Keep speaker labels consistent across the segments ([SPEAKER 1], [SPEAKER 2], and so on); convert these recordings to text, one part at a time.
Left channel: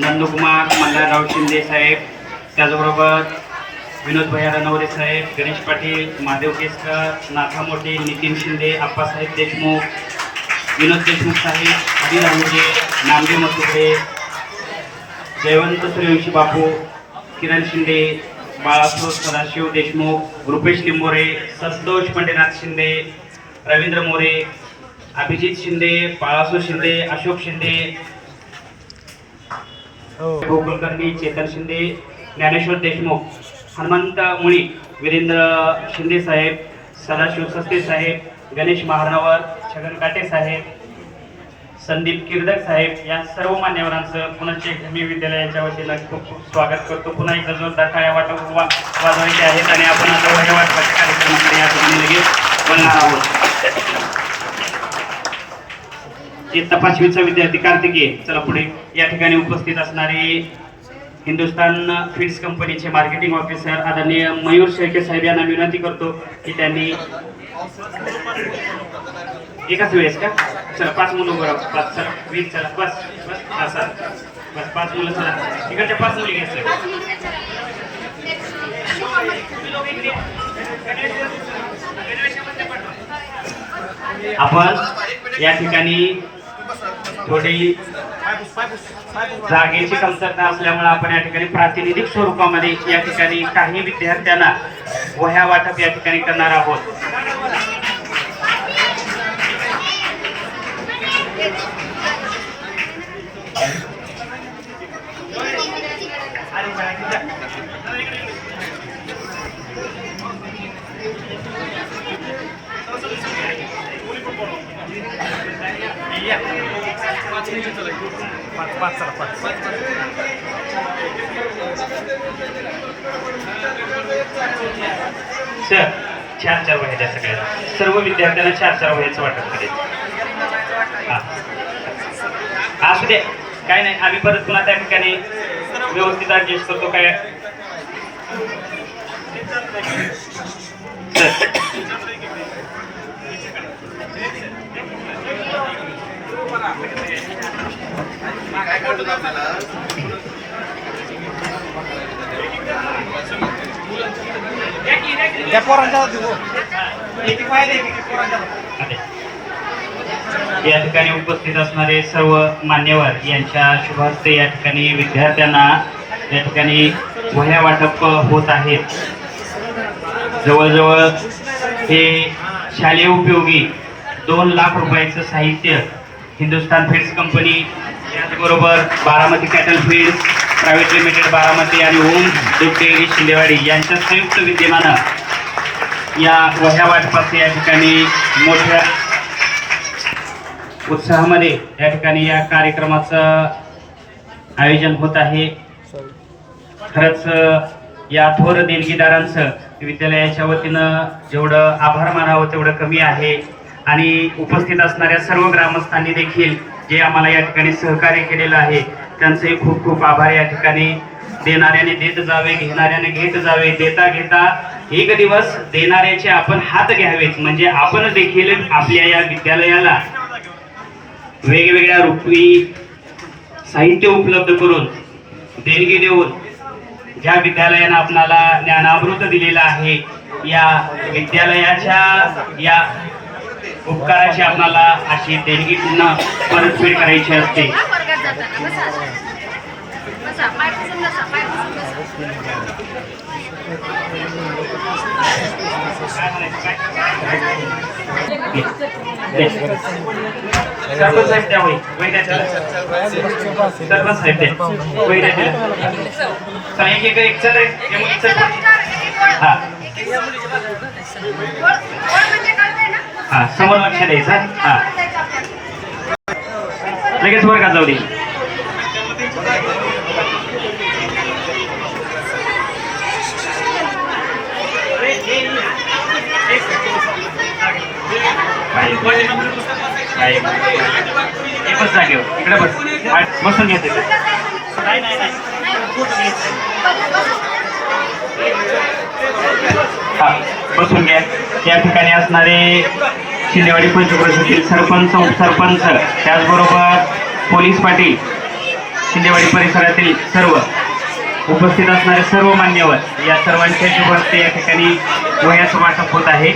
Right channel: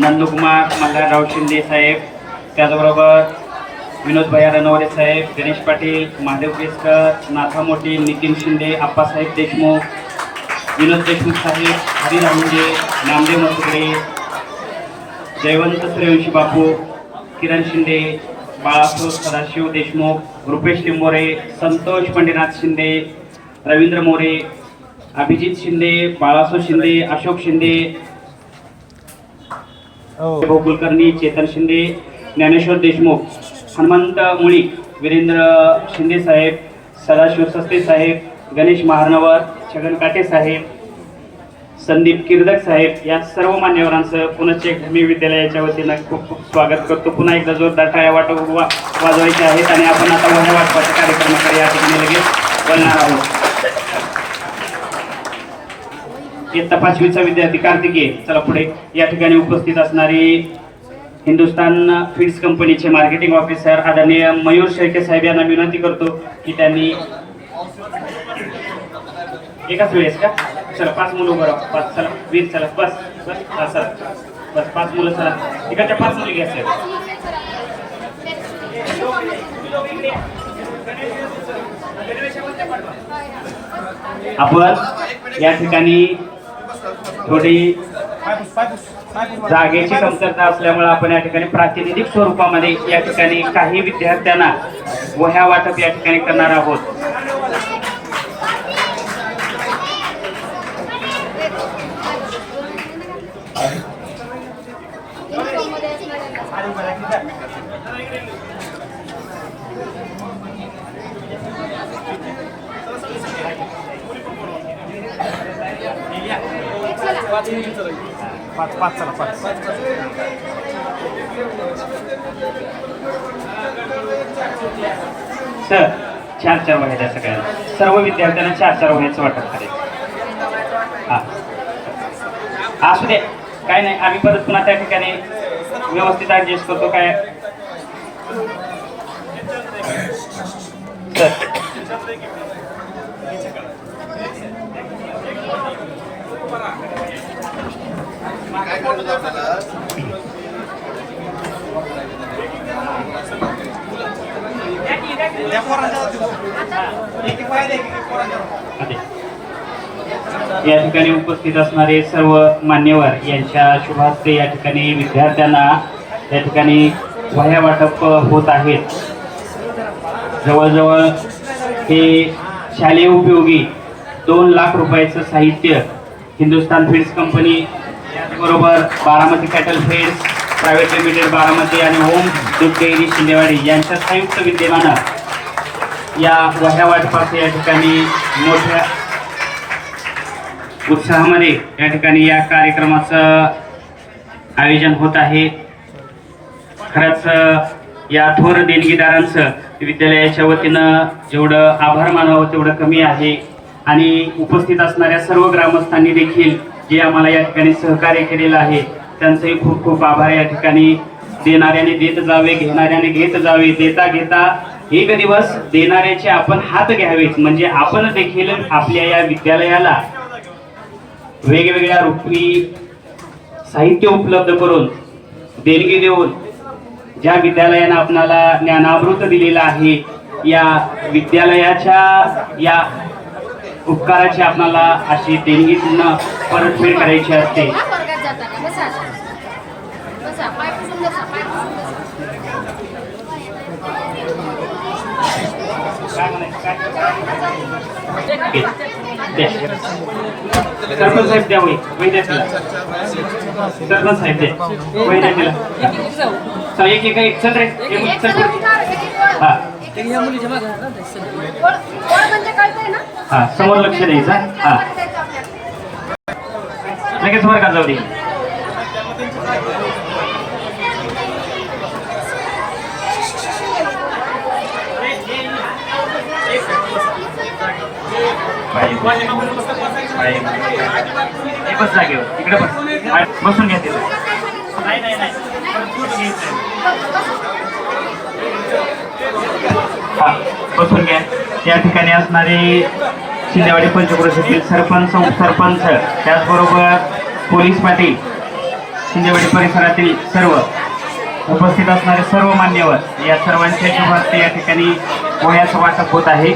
[SPEAKER 1] नंदकुमार मल्हारराव शिंदे साहेब त्याचबरोबर विनोद भैया रणवरे साहेब गणेश पाटील महादेव केसकर नाथा मोठे नितीन शिंदे आप्पासाहेब देशमुख विनोद देशमुख साहेब हरी राहुंडे नामदेव मसुकडे जयवंत सूर्यवंशी बापू किरण शिंदे बाळासाहेब सदाशिव देशमुख रुपेश लिंबोरे संतोष पंडितनाथ शिंदे रवींद्र मोरे अभिजित शिंदे बाळासाहेब शिंदे अशोक शिंदे कुलकर्णी चेतन शिंदे ज्ञानेश्वर देशमुख हनुमंत मुळी वीरेंद्र शिंदे साहेब सदाशिव सस्ते साहेब गणेश महानवर छगन काटे साहेब संदीप किर्दक साहेब या सर्व मान्यवरांचं पुनश्च मी विद्यालयाच्या वतीनं खूप खूप स्वागत करतो. पुन्हा एकदा जोरदार टाळ्या वाट वाजवायचे आहेत आणि आपण आता वह्या वाटपाच्या कार्यक्रमाकडे या ठिकाणी लगेच बोलणार आहोत. इयत्ता पाचवीचा विद्यार्थी कार्तिकीय चला पुढे. या ठिकाणी उपस्थित असणारे हिंदुस्तान फीड्स कंपनीचे मार्केटिंग ऑफिसर आदरणीय मयूर शेळके साहेब यांना विनंती करतो की त्यांनी एकाच वेळेस का? चला पाच मुलं उभं राहा. चला वीर चला बस बस हा, सर. बस पाच मुलं चला. इकडच्या पाच मुली घ्या साहेब. आपण या ठिकाणी थोडी जागेची कमतरता असल्यामुळे आपण या ठिकाणी प्रातिनिधिक स्वरूपामध्ये या ठिकाणी काही विद्यार्थ्यांना वह्या वाटप या ठिकाणी करणार आहोत. सर चार चार वह्या सगळ्यांना. सर्व विद्यार्थ्यांना चार चार वह्याचं वाटप करायचं हा. असू दे. काय नाही आम्ही परत पुन्हा त्या ठिकाणी व्यवस्थित ॲडजस्ट करतो काय? सर या ठिकाणी उपस्थित असणारे सर्व मान्यवर यांच्या शुभ हस्ते या ठिकाणी विद्यार्थ्यांना या ठिकाणी वह्या वाटप होत आहेत जवळजवळ हे शालेय उपयोगी दोन लाख रुपयाचं साहित्य हिंदुस्तान फीड्स कंपनी त्याचबरोबर Baramati cattle feeds private limited Baramati आणि ओम दूध डेअरी शिंदेवाडी यांच्या संयुक्त विद्यमानं या पोह्या वाटपाचे या ठिकाणी मोठ्या उत्साहामध्ये या ठिकाणी या कार्यक्रमाचं आयोजन होत आहे. खरंच या थोर देणगीदारांचं विद्यालयाच्या वतीनं जेवढं आभार मानावं तेवढं कमी आहे. आणि उपस्थित असणाऱ्या सर्व ग्रामस्थांनी देखील जे आम्हाला या ठिकाणी सहकार्य केलेलं आहे त्यांचंही खूप खूप आभार या ठिकाणी देणाऱ्याने देत जावे घेणाऱ्याने घेत जावे देता घेता एक दिवस देणाऱ्याचे आपण हात घ्यावेत. म्हणजे आपण देखील आपल्या या विद्यालयाला वेगवेगळ्या रूपी साहित्य उपलब्ध करून देणगी देऊन ज्या विद्यालयानं आपणाला ज्ञानामृत दिलेलं आहे या विद्यालयाच्या या उपकाराची आपणाला अशी देणगी पुन्हा परतफेड करायची असते. सरपंच साहेब द्या वही वही द्या त्याला सरपंच द्या वही द्या त्याला चला एक एक एक चल रे हे मुलं चल. हा हा समोर लक्ष द्यायचं हा लगेच वर्गात जाऊ दे हे बस जागेवर. इकडे बस. बसून घ्या तिथे. नाही नाही नाही बसून घ्या. या ठिकाणी असणारे शिंदेवाडी पंचकृषीतील सरपंच उपसरपंच त्याचबरोबर पोलीस पाटील शिंदेवाडी परिसरातील सर्व उपस्थित असणारे सर्व मान्यवर या सर्वांच्या शुभ या ठिकाणी वह्याचं वाटप होत आहे.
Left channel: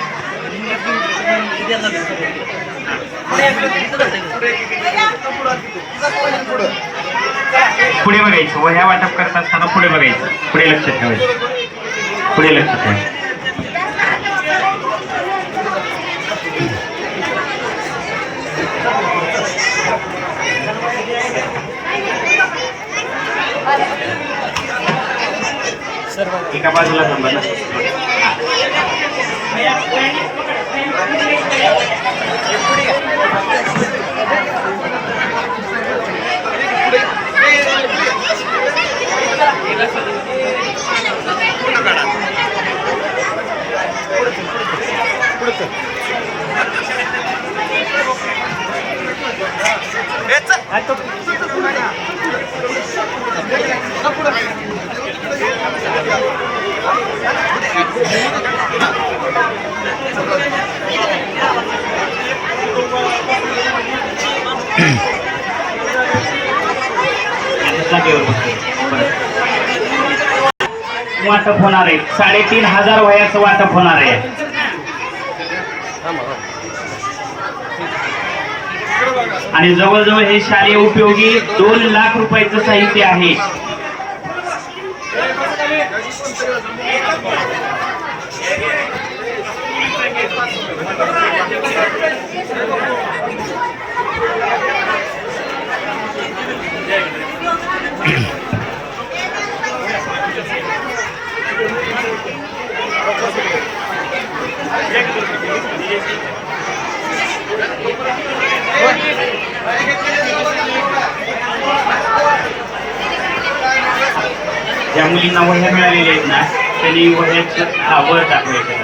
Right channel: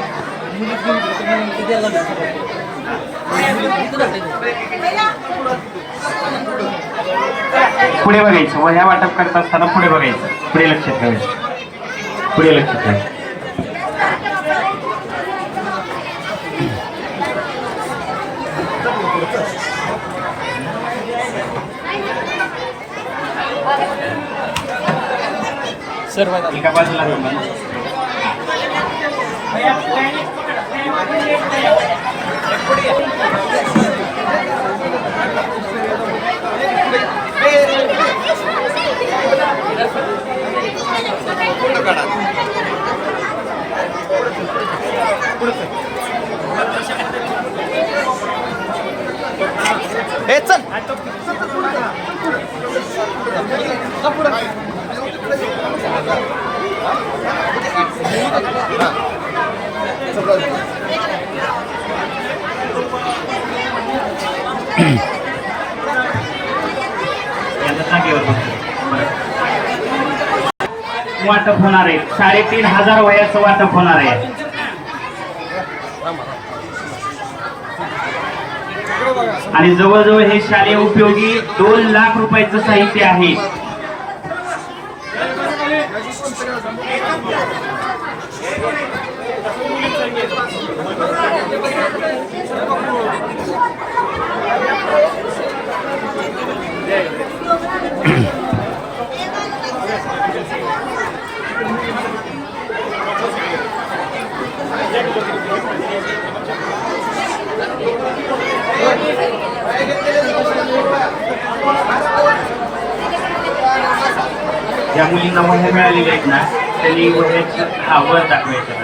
[SPEAKER 1] पुढे बघायचं. व ह्या वाटप करत असताना पुढे बघायचं. पुढे लक्ष ठेवायचं. पुढे लक्ष ठेवायचं एका बाजूला थांबा ना. यांच्या जागेवर. वाटप होणार आहे. साडेतीन हजार वयाचं वाटप होणार आहे. आणि जवळजवळ हे शालेय उपयोगी दोन लाख रुपयाचं साहित्य आहे. ज्या मुलींना वह्या मिळालेल्या आहेत ना त्यांनी वह्याचं हा वर दाखवायचं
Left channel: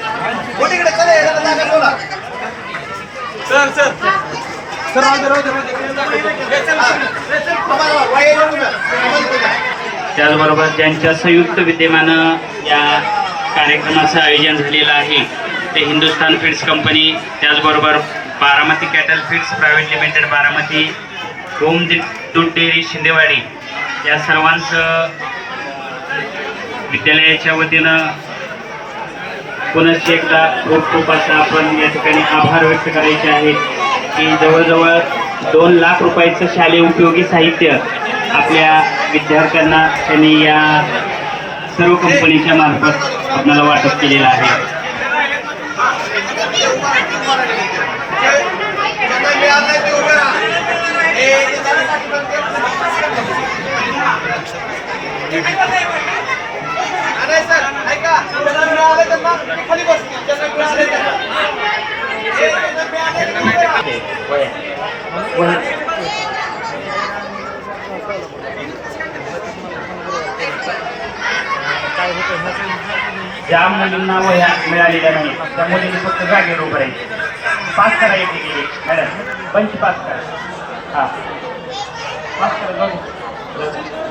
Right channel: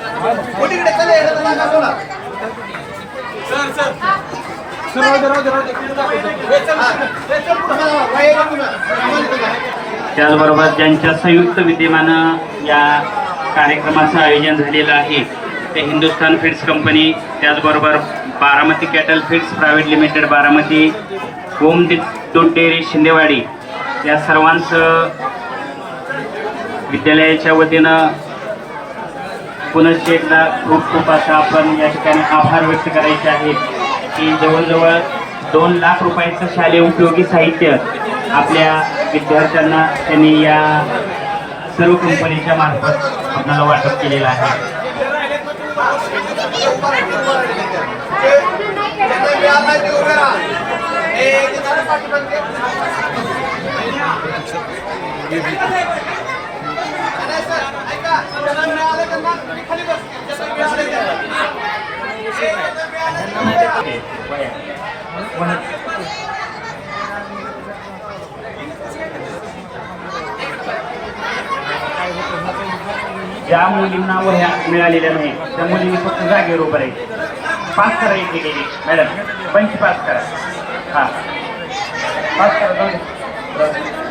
[SPEAKER 1] करायचा समोर लक्ष द्या मुलं हे, समोर बघा. आवाज बंद आवाज बंद त्याचबरोबर ज्यांच्या संयुक्त विद्यमानं या कार्यक्रमाचं आयोजन झालेलं आहे ते हिंदुस्तान फीड्स कंपनी त्याचबरोबर Baramati cattle feeds private limited Baramati home दि- दूध डेअरी शिंदेवाडी या सर्वांचं विद्यालयाच्या वतीनं पुनश्च एकदा खूप खूप असा आपण या ठिकाणी आभार व्यक्त करायचे आहेत की जवळजवळ दोन लाख रुपयाचं शालेय उपयोगी साहित्य आपल्या विद्यार्थ्यांना त्यांनी या सर्व कंपनीच्या मार्फत आपल्याला वाटप केलेलं आहे. ज्या मुलींना वह्या मिळालेल्या नाही त्या मुलींनी फक्त जागेवर उभं राहायचं पास करा एक एक मॅडम पंच पास करा हा पास करा दोन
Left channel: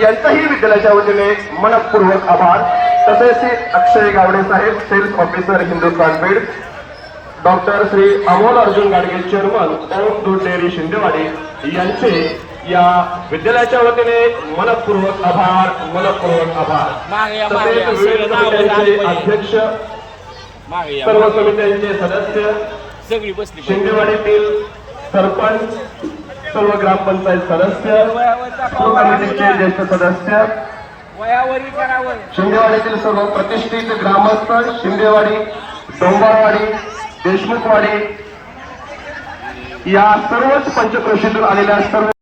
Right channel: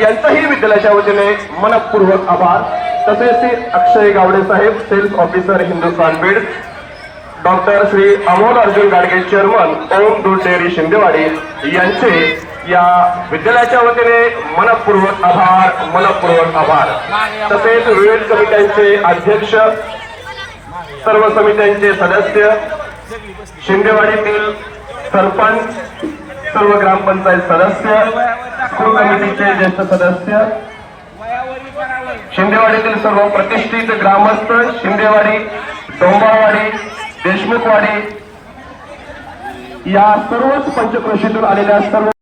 [SPEAKER 2] यांचाही विद्यालयाच्या वतीने मनपूर्वक आभार. तसेच अक्षय गावडे साहेब sales officer Hindustan Beed. Doctor Shri Amol Arjun Gadge chairman Om दूध डेअरी शिंदेवाडी यांचे या विद्यालयाच्या वतीने मनपूर्वक आभार मनपूर्वक आभार. तसेच विविध समित्यांचे अध्यक्ष सर्व समित्यांचे सदस्य शिंदेवाडीतील सरपंच सर्व ग्रामपंचायत सदस्य स्कूल कमिटीचे ज्येष्ठ सदस्य शिंदेवाडीतील सर्व प्रतिष्ठित ग्रामस्थ शिंदेवाडी डोंबावाडी देशमुखवाडी या सर्वच पंचक्रोशीतून आलेल्या सर्व